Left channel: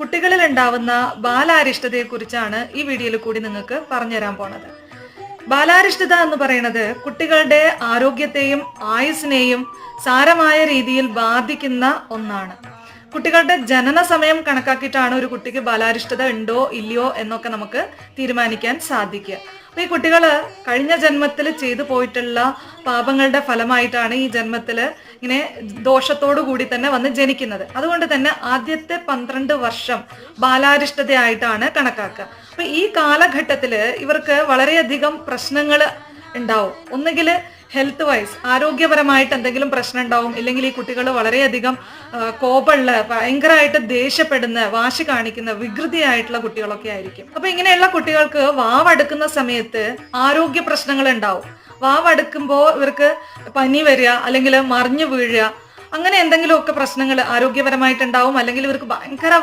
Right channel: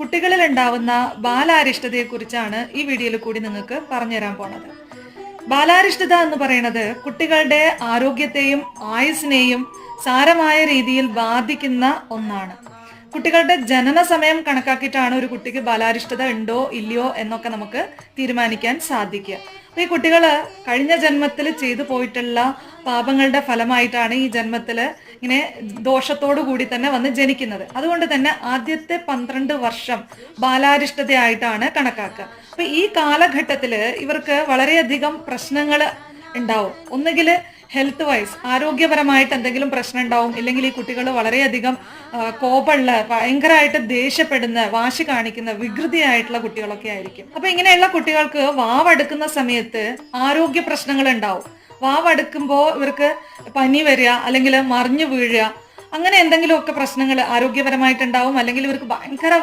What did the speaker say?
കുട്ടികളിൽ ഉണ്ടാവുന്ന ബാലാരിഷ്ടതയെ കുറിച്ചാണ് ഈ വീഡിയോയിൽ കൂടി നിങ്ങൾക്ക് പറഞ്ഞുതരാൻ പോണത്. ബാലാരിഷ്ടത എന്ന് പറയുന്നത് കുട്ടികളുടെ ആരോഗ്യത്തെയും ആയുസ്സിനെയും സാരമായ രീതിയിൽ ബാധിക്കുന്ന ഒന്നാണ്. കുട്ടികളുടെ ജനന സമയം കണക്കാക്കിയിട്ടാണ് ഒരു കുട്ടിക്ക് ബാലാരിഷ്ടത ഉണ്ടോ ഇല്ലയോ എന്നൊക്കെ നമുക്ക് തീരുമാനിക്കാൻ സാധിക്കുക. അപ്പൊ ഈ കുട്ടികള് കഴിഞ്ഞ ജന്മത്തിൽ ചെയ്തു പോയിട്ടുള്ള പാപങ്ങളുടെ ഫലമായിട്ടാണ് ഈ ജന്മത്തില് ഇങ്ങനെ ദോഷത്തോടു കൂടി തന്നെ വന്ന് ജനിക്കുന്നത്. അതുകൊണ്ട് തന്നെ ആദ്യത്തെ 12 വർഷം ബാലാരിഷ്ടതയായിട്ടാണ് കണക്കാക്കുക. അപ്പൊ ഈ കാലഘട്ടത്തില് ഇവർക്ക് വളരെയധികം പ്രശ്നങ്ങൾ ഉണ്ടാവും. ഒന്നുകിൽ ഹെൽത്ത് വൈസ് ആരോഗ്യപരമായിട്ട് എന്തെങ്കിലും പ്രശ്നം ഉണ്ടാവും, ഇല്ലെങ്കിൽ ഈ കുട്ടികൾ വളരെയധികം കോപമുള്ള, ഭയങ്കരമായിട്ട് ദേഷ്യപ്പെടുന്ന, വാശി കാണിക്കുന്ന, വികൃതിയായിട്ടുള്ള കുട്ടികളൊക്കെ ആയിരിക്കും. അപ്പൊ ഇങ്ങനെയുള്ള കുട്ടികൾക്ക് വാവെടുക്കുന്ന സമയത്ത് ആരോഗ്യ പ്രശ്നങ്ങൾ ഉണ്ടാവും. വാവെടുക്കുമ്പോൾ ഇവർക്ക് പനി വരിക, അല്ലെങ്കിൽ മറിഞ്ഞു വീഴുക, അങ്ങനെ എന്തെങ്കിലുമൊക്കെ പ്രശ്നങ്ങൾ ആരോഗ്യപരമായിട്ടുണ്ടാവും. അല്ലെങ്കിൽ ഇവർക്ക് ഭയങ്കര